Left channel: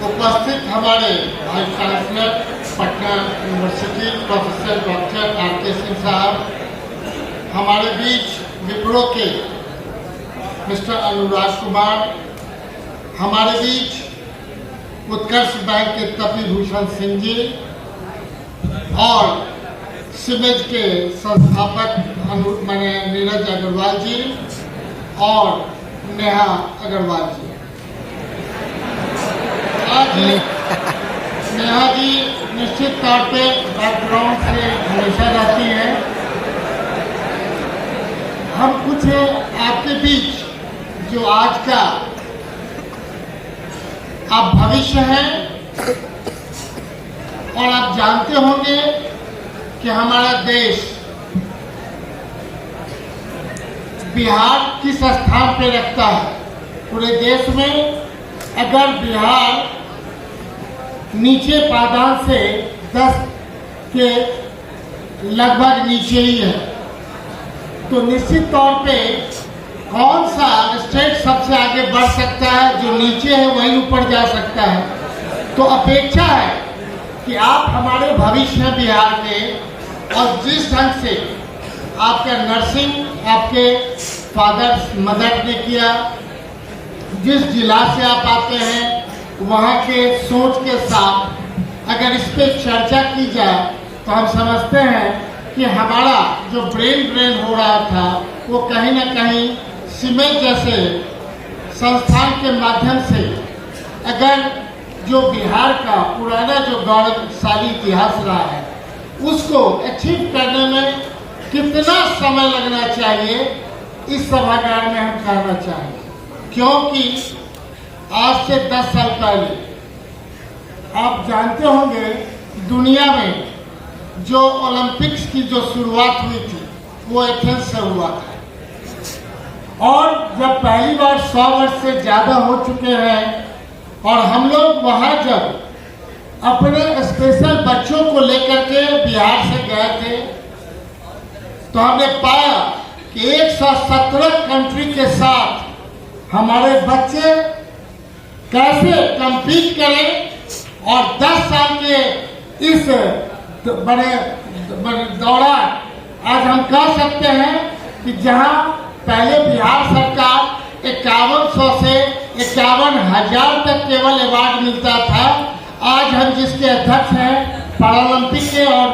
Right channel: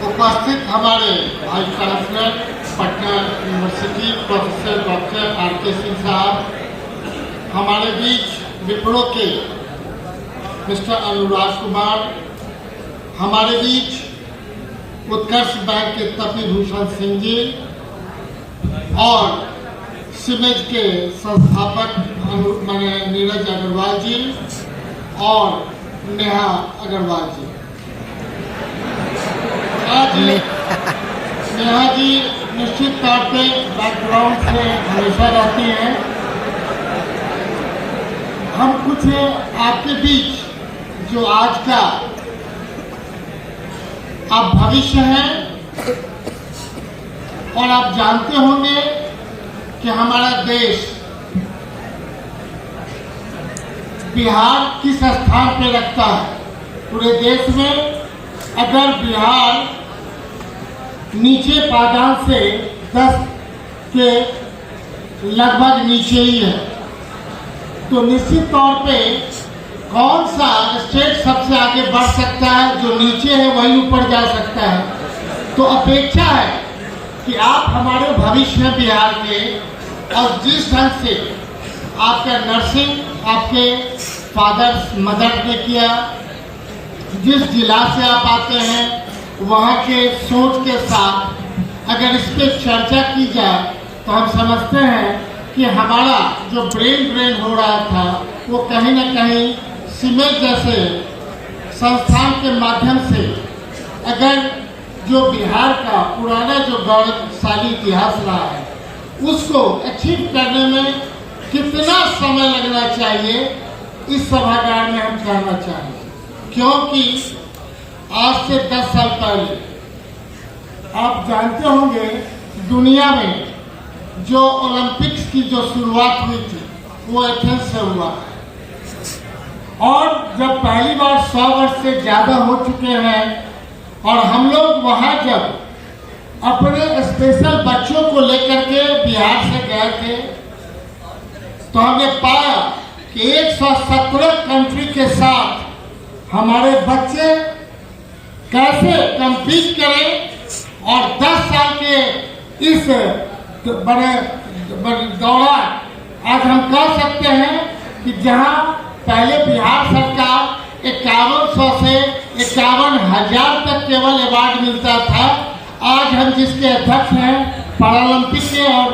उपस्थित हमारे vice chancellor Patna university professor doctor R K. Singh साहब, हमारे बीच विप्रो के मिस्टर अनुराग कुमार, हमारे बीच उत्कर्ष बैंक के तपी भूषण सिंह जी और सिमेज के संस्थापक नीरज अग्रवाल जी और नेहा अग्रवाल जी। आज नेहा जी निश्चित तौर पे बैकग्राउंड से हमेशा रहती हैं। हम कुछ आपके बीच जो आज का आप भविष्य है, और आप जानते होंगे कि हमारा देश बिहार किस स्थान पे रखता है पूरे देश में। अगर बिहार नीचे पायदान से 10 के लगभग नीचे ही है, तो निश्चित तौर पे कौन सा स्टेट सबसे आगे बढ़ सकता है? जो नीचे है वही ऊपर जा सकता है। तो अपेक्षा है कि आप हमारे भविष्य में बिहार के, और जिस ढंग से आपका नर्सिंग आपके फादर मदर ने किया, जिस जिला से आप आते हैं वहाँ के सोच के साथ अगर इस पर चर्चा की जाए तो हम समझते हैं कि हमारा जो ब्रेन ड्रेन हो रहा था वो कहीं न कहीं सिमेज जैसे संस्थान के माध्यम से, अगर जो बिहार का पुराना जो गौरवशाली इतिहास रहा है उसको अचीव करने में कितना समय लगना चाहिए, इस सभागार में हम कहना चाहेंगे। क्योंकि आज से 10 साल पहले आप जानते होंगे दुनिया में जो ओलंपिक्स की जो शुरुआत हुई थी वो एथेंस से हुआ, और जब पहली बार 100 वर्ष से ज्यादा हो चुके हैं और हम लोग वहां जब अपने स्पेशल बच्चों को लेकर के बिहार से गए थे तो हमने पाया कि 117 कंट्री के साथ हमारे बच्चे कैसे कम्पीट करें, और 10 साल के इस बड़े दौरान आज हम कह सकते हैं कि जहां पहले बिहार सरकार 5100 से 51,000 तक केवल अवार्ड मिलता था, आज हम जिसके अध्यक्ष हैं पैरालंपिक के और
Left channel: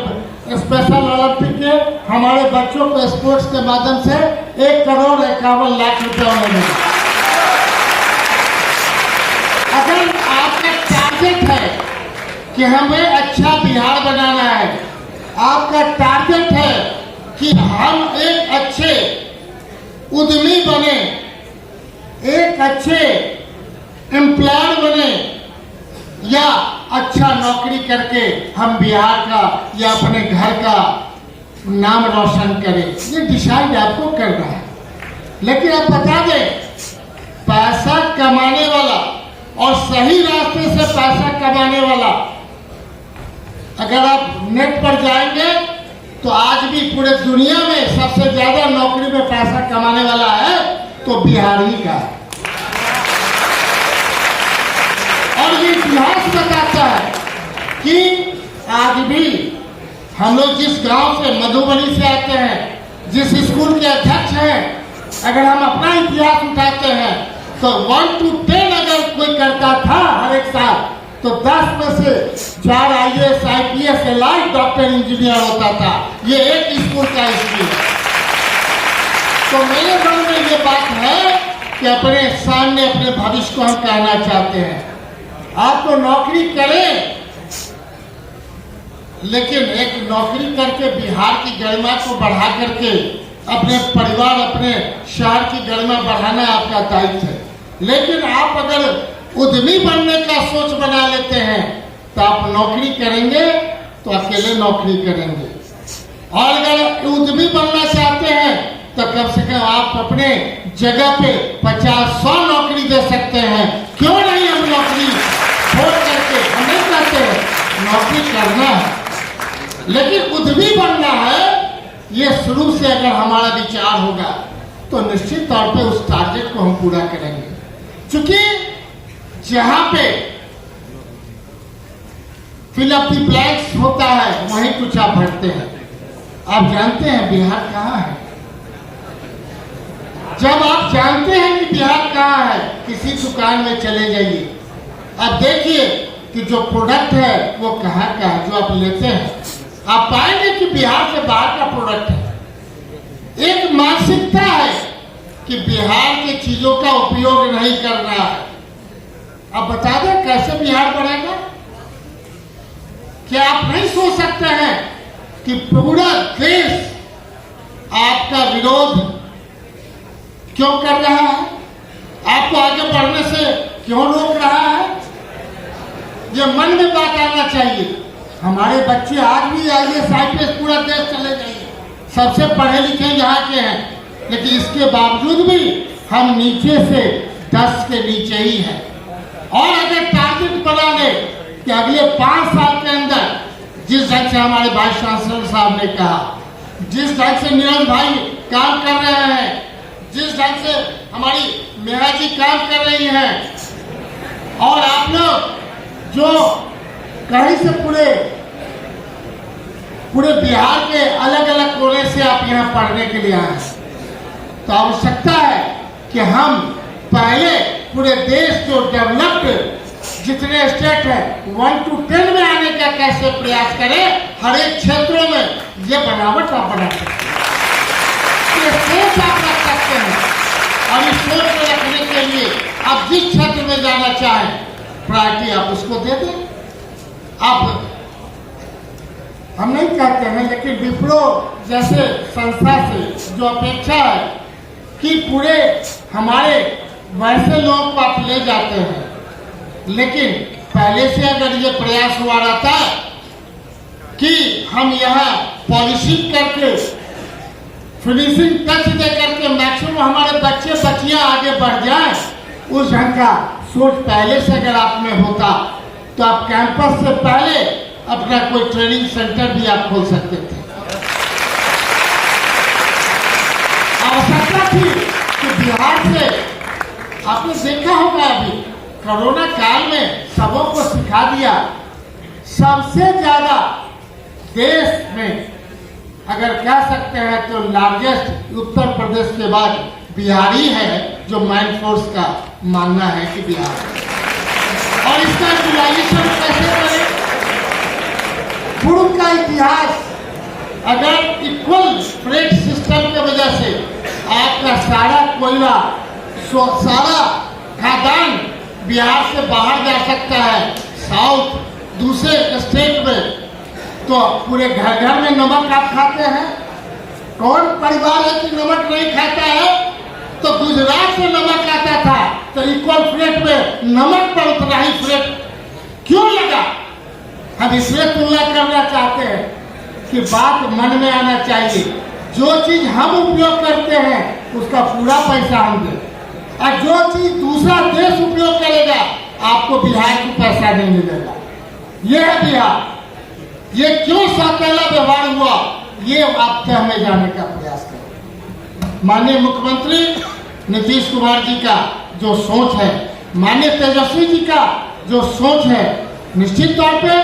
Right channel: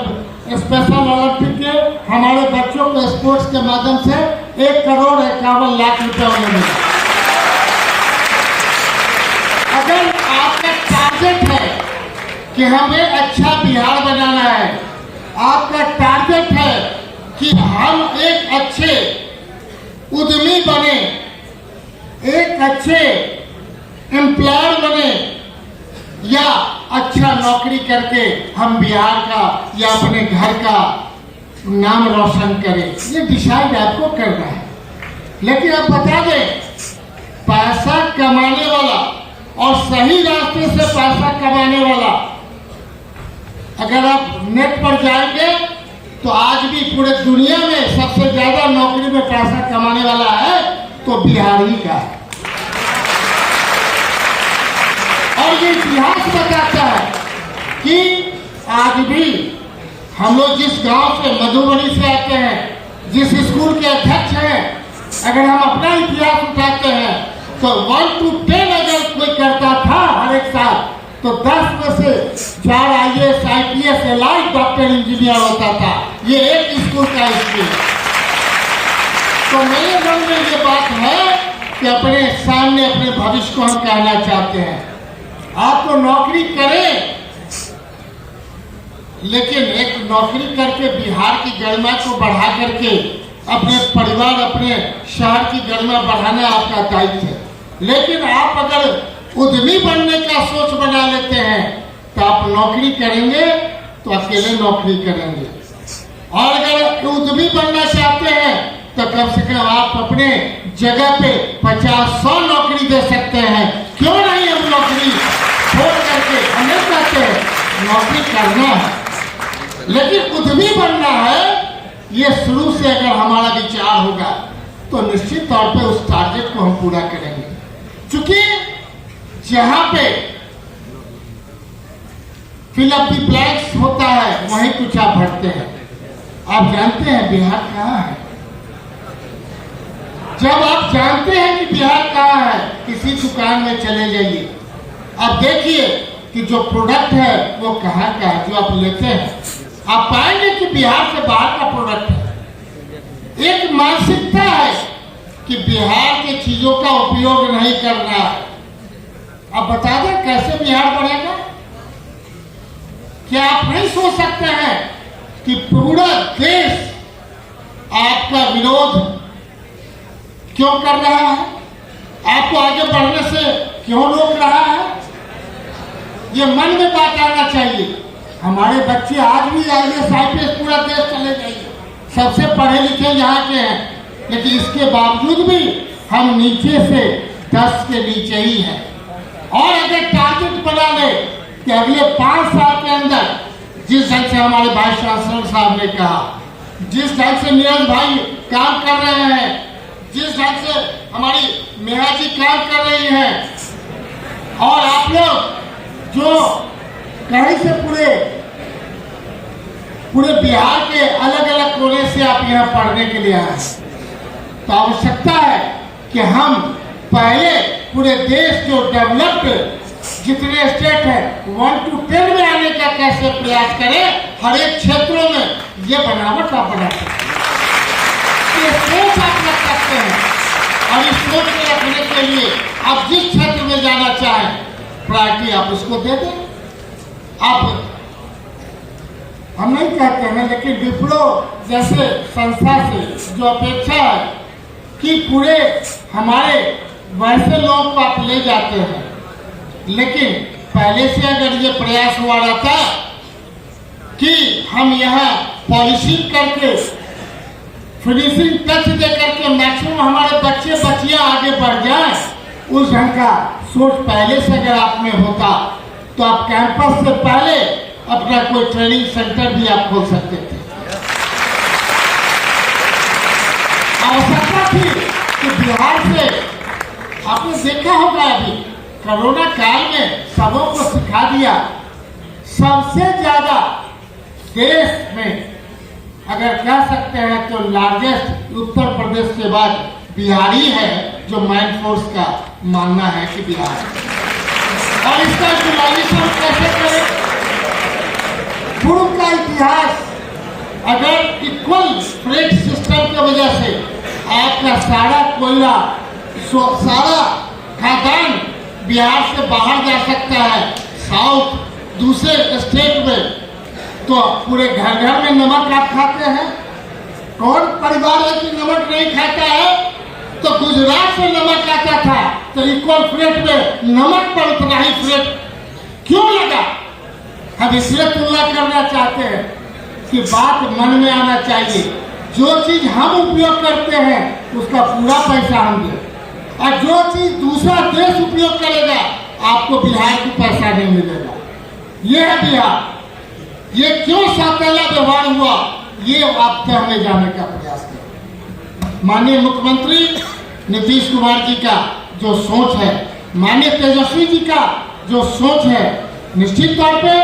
स्पेशल ओलंपिक के, हमारे बच्चों को स्पोर्ट्स के माध्यम से 1,51,00,000 रुपये मिले। अगर आपका टारगेट है कि हमें अच्छा बिहार बनाना है, आपका टारगेट है कि हम एक अच्छे उद्यमी बने, एक अच्छे एम्प्लॉयर बने, या अच्छा नौकरी करके हम बिहार का या अपने घर का नाम रोशन करें, ये डिसाइड आपको करना है। लेकिन आप बता दें, पैसा कमाने वाला और सही रास्ते से पैसा कमाने वाला, अगर आप नेट पर जाएंगे तो आज भी पूरे दुनिया में सबसे ज्यादा नौकरी में पैसा कमाने वाला है तो बिहार ही का है। और ये इतिहास बताता है कि आज भी हम लोग जिस गांव से, मधुबनी से आते हैं, जिस स्कूल के अध्यक्ष हैं, अगर हम अपना इतिहास उठाते हैं तो 1 to 10 अगर कोई करता था हर एक साल तो 10 में से 4 IAS, IPS, LI, doctor, engineer होता था। ये एक स्कूल का स्कूल। तो मेरे मन में ये बात है कि अपने सामने अपने भविष्य को हम कहना चाहते हैं, आप तो नौकरी करें, लेकिन एक नौकरी करके बिहार की गरिमा को बढ़ा करके अपने परिवार, अपने शहर की गरिमा बढ़ाना आपका दायित्व है। लेकिन आप अगर उद्यमी बनने का सोच बना लेते हैं तो आप नौकरी करेंगे तो अकेले नौकरी करेंगे, और अगर उद्यमी बनना चाहते हैं तो कम से कम आप अपने जगह पे 50-100 नौकरी दे सकते हैं। क्यों नहीं हम नौकरी छोड़ करके, हमें कहते हैं नौकरी करना है, लेकिन उद्यमी बनना है। ये शुरू से अगर हमारा विचार होगा तो निश्चित तौर पे उस टारगेट को हम पूरा करेंगे। क्योंकि जहां पे फिल अप द ब्लैंक्स होता है, वहीं कुछ आप भरते हैं। आप जानते हैं बिहार कहाँ है? जब आप जानते हैं कि बिहार कहाँ है, किसी दुकान में चले जाइए, आप देखिए कि जो प्रोडक्ट है वो कहाँ का है, जो आप लेते हैं आप पाएंगे कि बिहार से बाहर का प्रोडक्ट है। एक मानसिकता है कि बिहार की चीजों का उपयोग नहीं करना है। अब बता दें कैसे बिहार बढ़ेगा? क्या आप नहीं सोच सकते हैं कि पूरा देश आपका विरोध क्यों कर रहा है? आपको आगे बढ़ने से क्यों रोक रहा है? ये मन में बात आना चाहिए। हमारे बच्चे आज भी IAS IPS पूरा देश चले गए, सबसे पढ़े लिखे यहाँ के हैं, लेकिन इसके बावजूद भी हम नीचे से 10 के नीचे ही हैं। और अगर टारगेट बना ले कि अगले 5 साल के अंदर जिस ढंग से हमारे वाइस चांसलर साहब ने कहा, जिस ढंग से नीरज भाई काम कर रहे हैं, जिस ढंग से हमारी मेरा जी काम कर रही हैं, और आप लोग जो कहीं से पूरे बिहार के अलग अलग कोने से आप यहाँ पढ़ने के लिए आए हैं, तो आवश्यकता है कि हम पहले पूरे देश जो डेवलप्ड जितने स्टेट है 1 to 10 में आने का कैसे प्रयास करें। हर एक क्षेत्रों में ये बनावट आप बना सकते हैं, ये सोच आप रख सकते हैं, और इस सोच को रखने के लिए आप जिस क्षेत्र में जाना चाहें प्रायोरिटी आप उसको दे दें। आप हम नहीं कहते हैं, लेकिन विप्रो जैसे संस्था से जो अपेक्षा है कि पूरे हमारे वैसे लोग को आप ले जाते हैं, लेकिन पहले से अगर ये प्रयास हुआ रहता कि हम यहाँ पॉलिशिंग करके फिनिशिंग टच दे करके मैक्सिमम हमारे बच्चे बच्चियां आगे बढ़ जाएं, उस ढंग का सोच पहले से अगर आप में होता तो आप कैंपस से पहले अपना कोई ट्रेनिंग सेंटर भी आप खोल सकते थे। आवश्यकता थी कि बिहार से आपने देखा होगा अभी कोरोना काल में सबों को सिखा दिया। सबसे ज्यादा देश में अगर कह सकते हैं तो लार्जेस्ट उत्तर प्रदेश के बाद बिहारी है, जो मैन फोर्स का मानना है कि बिहार है। और इसका यूटिलाइजेशन कैसे करें? पूर्व का इतिहास, अगर इक्वल फ्रेट सिस्टम की वजह से आपका सारा कोयला सारा खादान बिहार से बाहर जा सकता है साउथ दूसरे स्टेट में, तो पूरे घर घर में नमक आप खाते हैं। कौन परिवार है कि नमक नहीं खाता है? तो गुजरात से नमक आता था, तो इक्वल फ्रेट में नमक पर उतना ही फ्रेट क्यों लगा? हम इसलिए तुलना करना चाहते हैं कि बात मन में आना चाहिए। जो चीज हम उपयोग करते हैं उसका पूरा पैसा हम दें, और जो चीज दूसरा देश उपयोग करेगा आपको बिहार को पैसा नहीं मिलेगा। यह है बिहार। ये क्यों सौतेला व्यवहार हुआ, ये आपसे हमें जानने का प्रयास करें। माननीय मुख्यमंत्री नीतीश कुमार जी का जो सोच है, माननीय तेजस्वी जी का जो सोच है, निश्चित तौर पे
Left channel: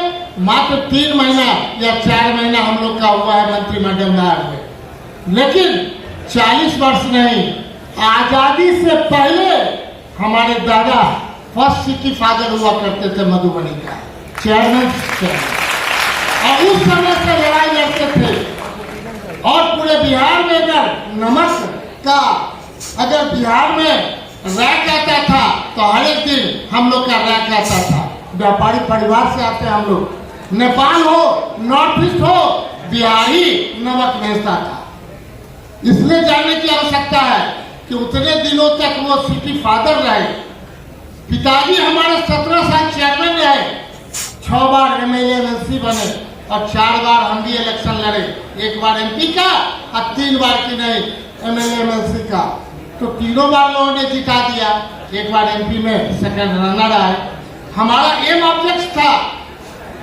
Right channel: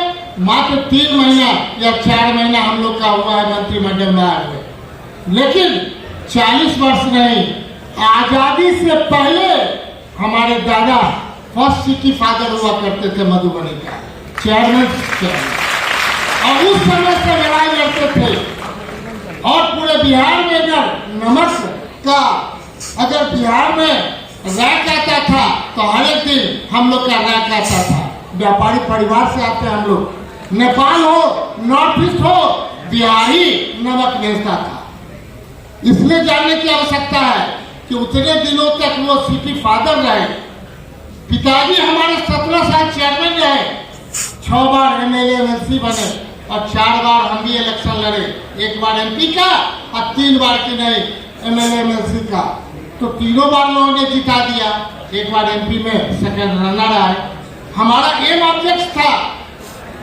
मात्र 3 महीना या 4 महीना हम लोग का हुआ है मंत्रिमंडल में आए हुए, लेकिन 40 वर्ष नहीं, आजादी से पहले हमारे दादा फर्स्ट सिटी फादर हुआ करते थे मधुबनी का चेयरमैन, और उस समय से लड़ाई लड़ते थे। और पूरे बिहार में अगर नमक का अगर बिहार में रैक आता था तो हर एक दिन हम लोग का रैक आता था। व्यापारी परिवार से आते हैं हम लोग, नेपाल हो नॉर्थ ईस्ट हो, बिहारी नमक भेजता था। इसलिए जानने की आवश्यकता है कि उतने दिनों तक वो सिटी फादर रहे। पिताजी हमारे 17 साल चेयरमैन रहे, 6 बार MLA MLC बने, और 4 बार हम भी इलेक्शन लड़े, 1 बार MP का और 3 बार की नहीं MLA MLC का, तो तीनों बार लोगों ने जिता दिया। 1 बार MP में सेकंड रनर आए। हमारा एम ऑब्जेक्ट था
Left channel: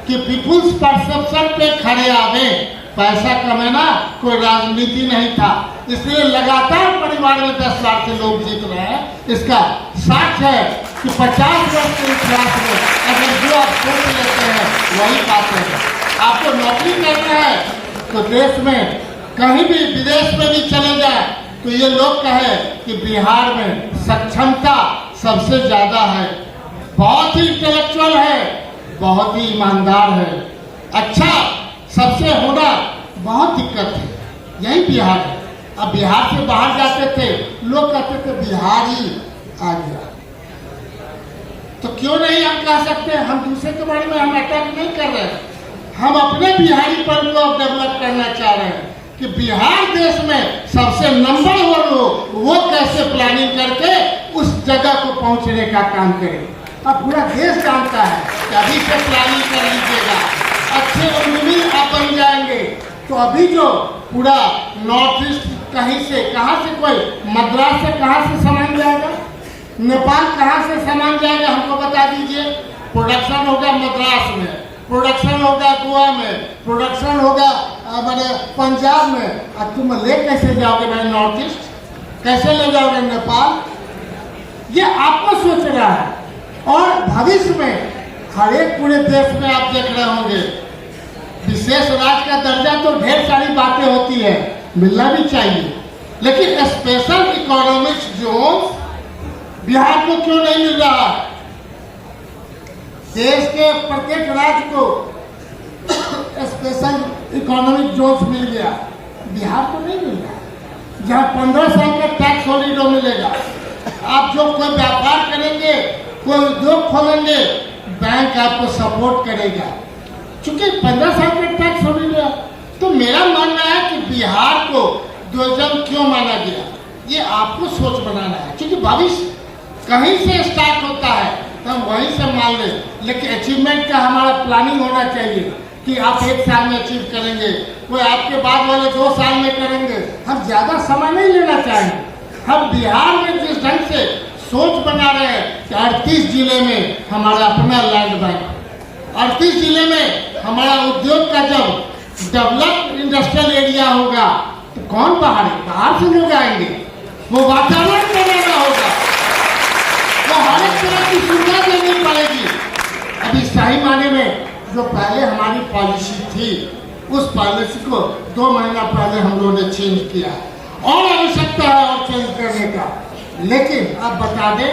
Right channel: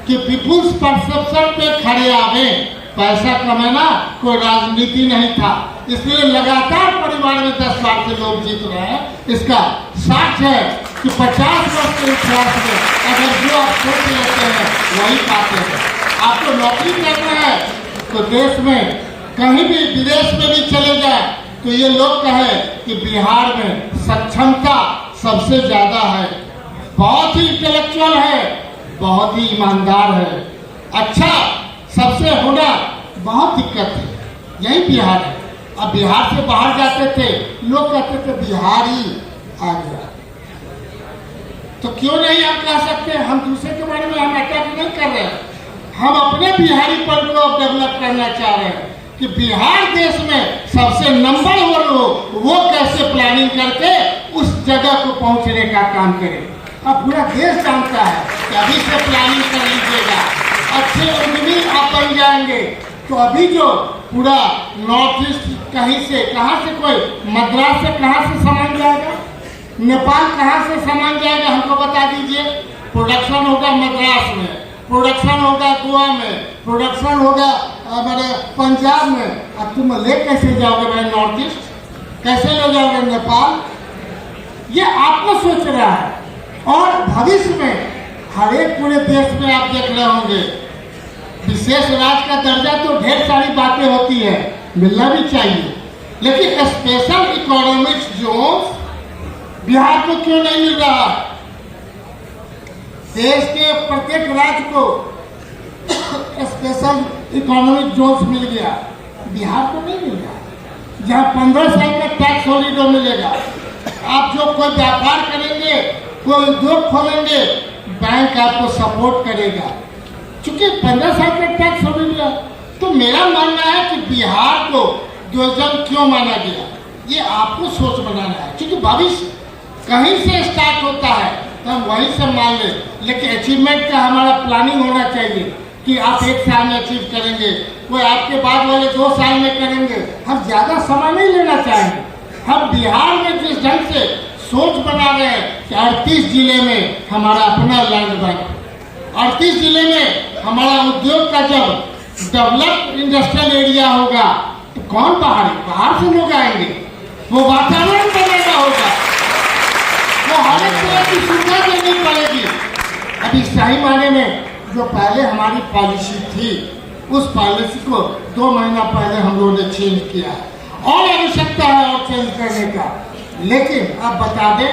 कि पीपुल्स परसेप्शन पे खड़े आवे, पैसा कमाना कोई राजनीति नहीं था। इसलिए लगातार परिवार में 10 बार से लोग जीत रहे हैं। इसका साक्ष्य है कि 50 वर्ष के इतिहास में अगर जो आप सोच लेते हैं वही पाते हैं। आपको नौकरी करना है तो देश में कहीं भी विदेश में भी चले जाए तो ये लोग कहे कि बिहार में सक्षमता सबसे ज्यादा है, बहुत ही इंटेलेक्चुअल है, बहुत ही ईमानदार है, अच्छा सबसे होना बहुत दिक्कत है, यही बिहार है। अब बिहार से बाहर जाते थे लोग कहते थे बिहार ही आ गया, तो क्यों नहीं हम कह सकते हम दूसरे के बारे में हम अटैक नहीं कर रहे हैं, हम अपने बिहारी पर लोग डेवलप करना चाह रहे हैं कि बिहार देश में सबसे नंबर 1 हो, वो कैसे प्लानिंग करके उस जगह को पहुंचने का काम करे। अब पूरा देश जानता है कि अभी से प्लानिंग कर लीजिएगा, अच्छे उद्यमी आप बन जाएंगे। तो अभी जो पूरा नॉर्थ ईस्ट कहीं से कहाँ से कोई मद्रास से कहाँ से सामान जाएगा, नेपाल कहाँ से सामान जाएगा हमको बता दीजिए। प्रोडक्शन होगा मद्रास में, प्रोडक्शन होगा गोवा में, प्रोडक्शन होगा हमारे पंजाब में। अब तुम ले कैसे जाओगे भाई नॉर्थ ईस्ट, कैसे ले जाओगे नेपाल? ये आपको सोच रहा है। और भविष्य में हर एक पूरे देश में आप देख रहे होंगे विशेष राज्य का दर्जा तो ढेर सारी बातें होती है, मिलना भी चाहिए, लेकिन स्पेशल इकोनॉमिक जोन बिहार को क्यों नहीं मिल रहा? देश के प्रत्येक राज्य को स्पेशल इकोनॉमिक जोन मिल गया, बिहार को नहीं मिल रहा। जहां 15 साल का टैक्स हॉलिडे मिलेगा, आप जो कोई व्यापार करेंगे, कोई उद्योग खोलेंगे, बैंक आपको सपोर्ट करेगा, क्योंकि 15 साल का टैक्स हॉलिडे। तो मेरा मानना है कि बिहार को द्विजन क्यों माना गया, ये आपको सोच बनाना है, क्योंकि भविष्य कहीं से स्टार्ट होता है तो हम वहीं से मान ले, लेकिन अचीवमेंट का हमारा प्लानिंग होना चाहिए कि आप 1 साल में अचीव करेंगे, कोई आपके बाद वाले 2 साल में करेंगे। हम ज्यादा समय नहीं लेना चाहेंगे। हम बिहार में जिस ढंग से सोच बना रहे हैं कि 38 जिले में हमारा अपना लैंड बैंक, 38 जिले में हमारा उद्योग का जब डेवलप इंडस्ट्रियल एरिया होगा तो कौन बाहर से लोग आएंगे, वो वातावरण बनाना होगा, वो हर एक तरह की सुविधा देनी पड़ेगी। अभी सही माने में जो पहले हमारी पॉलिसी थी, उस पॉलिसी को 2 महीना पहले हम लोगों ने चेंज किया, और आवश्यकता है और चेंज करने का। लेकिन आप बता दें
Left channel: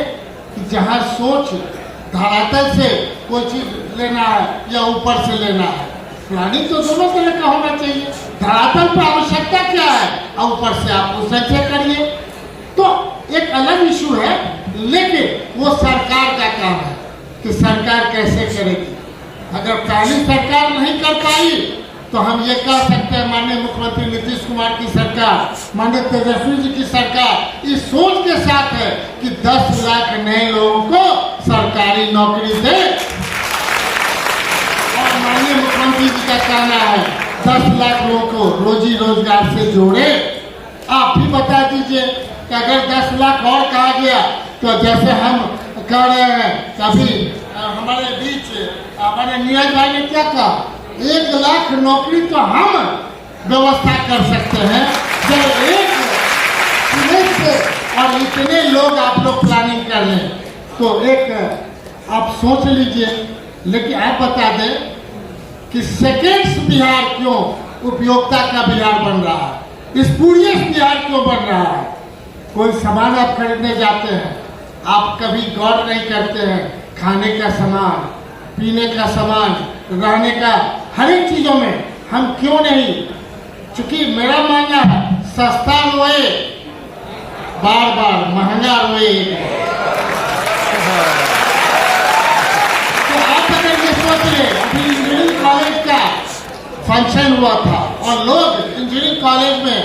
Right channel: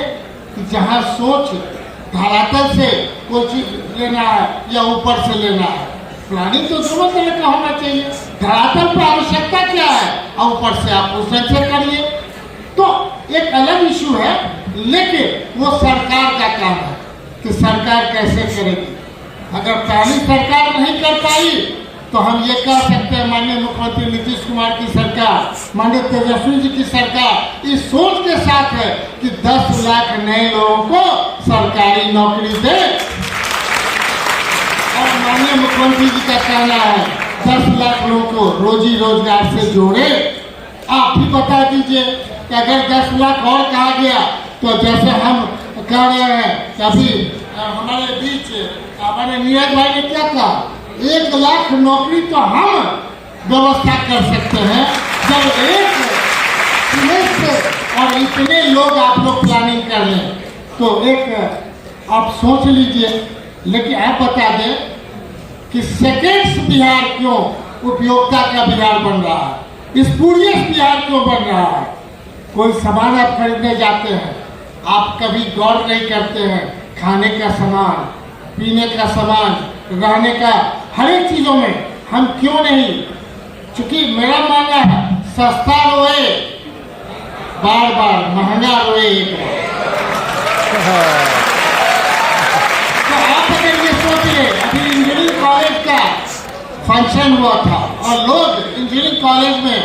कि जहां सोच धरातल से कोई चीज लेना है या ऊपर से लेना है, प्लानिंग तो दोनों तरह का होना चाहिए। धरातल पर आवश्यकता क्या है और ऊपर से आप उसे करिए, तो एक अलग इशू है, लेकिन वो सरकार का काम है कि सरकार कैसे करेगी। अगर पहली सरकार नहीं कर पाई तो हम ये कह सकते हैं माननीय मुख्यमंत्री नीतीश कुमार की सरकार, माननीय तेजस्वी जी की सरकार इस सोच के साथ है कि 10 लाख नए लोगों को सरकारी नौकरी दे, और माननीय मुख्यमंत्री जी का कहना है 10 लाख लोगों को रोजी रोजगार से जोड़े। आप भी बता दीजिए कि अगर 10 लाख और कहा गया तो जैसे हम कह रहे हैं, अभी हमारे बीच हमारे नीरज भाई ने क्या कहा, 1 लाख नौकरी तो हम व्यवस्था कर सकते हैं जब एक से और इतने लोग आप लोग प्लानिंग कर लें, तो एक आप सोच लीजिए। लेकिन आप बता दें कि सेकेंड्स बिहार क्यों उपयोगिता का बिहार बन रहा है, स्पूरियस बिहार क्यों बन रहा है। कोई सामान आप खरीदने जाते हैं, आप कभी गौर नहीं करते हैं, खाने का सामान, पीने का सामान, रहने का हर एक चीजों में हम क्यों नहीं, क्योंकि मेरा मानना है सस्ता रोए बार बार, महंगा रोए एक बार। तो आप अगर ये सोच ले, अभी इंजीनियरिंग कॉलेज का फंक्शन हुआ था और लोग इंजीनियरिंग कॉलेज में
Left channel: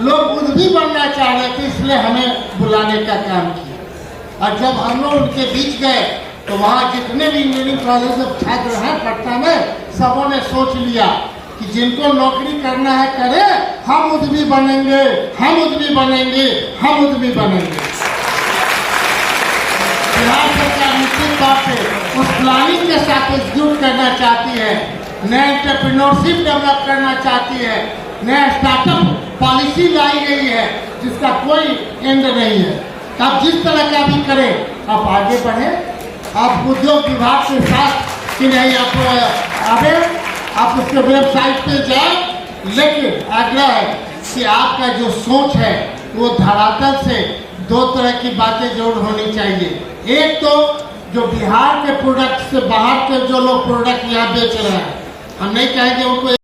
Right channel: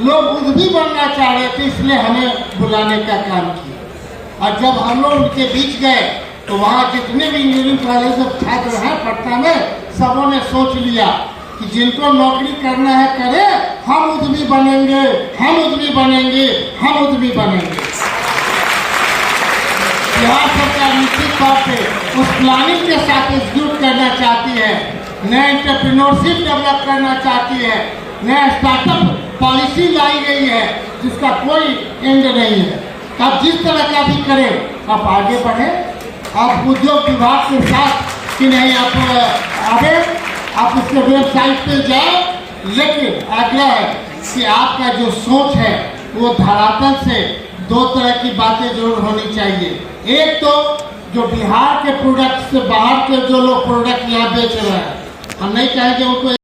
लोग उद्यमी बनना चाह रहे थे, इसलिए हमें बुलाने का काम किया। और जब हम लोग उनके बीच गए तो वहाँ जितने भी इंजीनियरिंग कॉलेज में छात्र हैं पटना में, सबों ने सोच लिया कि जिनको नौकरी करना है करे, हम उद्यमी बनेंगे, हम उद्यमी बनेंगे, हम उद्यमी बनेंगे। बिहार सरकार निश्चित तौर पे उस प्लानिंग के साथ एग्जीक्यूट करना चाहती है, नया एंटरप्रेन्योरशिप डेवलप करना चाहती है, नया स्टार्टअप पॉलिसी लाई गई है जिसका कोई एंड नहीं है। आप जिस तरह का भी करें, आप आगे बढ़े। आप उद्योग विभाग के साथ कि नहीं, आप आगे आप उसके वेबसाइट पे जाए, लेकिन आग्रह है कि आपका जो सोच है वो धरातल से दो तरह की बातें जरूर होनी चाहिए। एक तो जो बिहार के प्रोडक्ट से बाहर के जो लोग प्रोडक्ट यहाँ बेच रहे हैं, हम नहीं कहेंगे उनको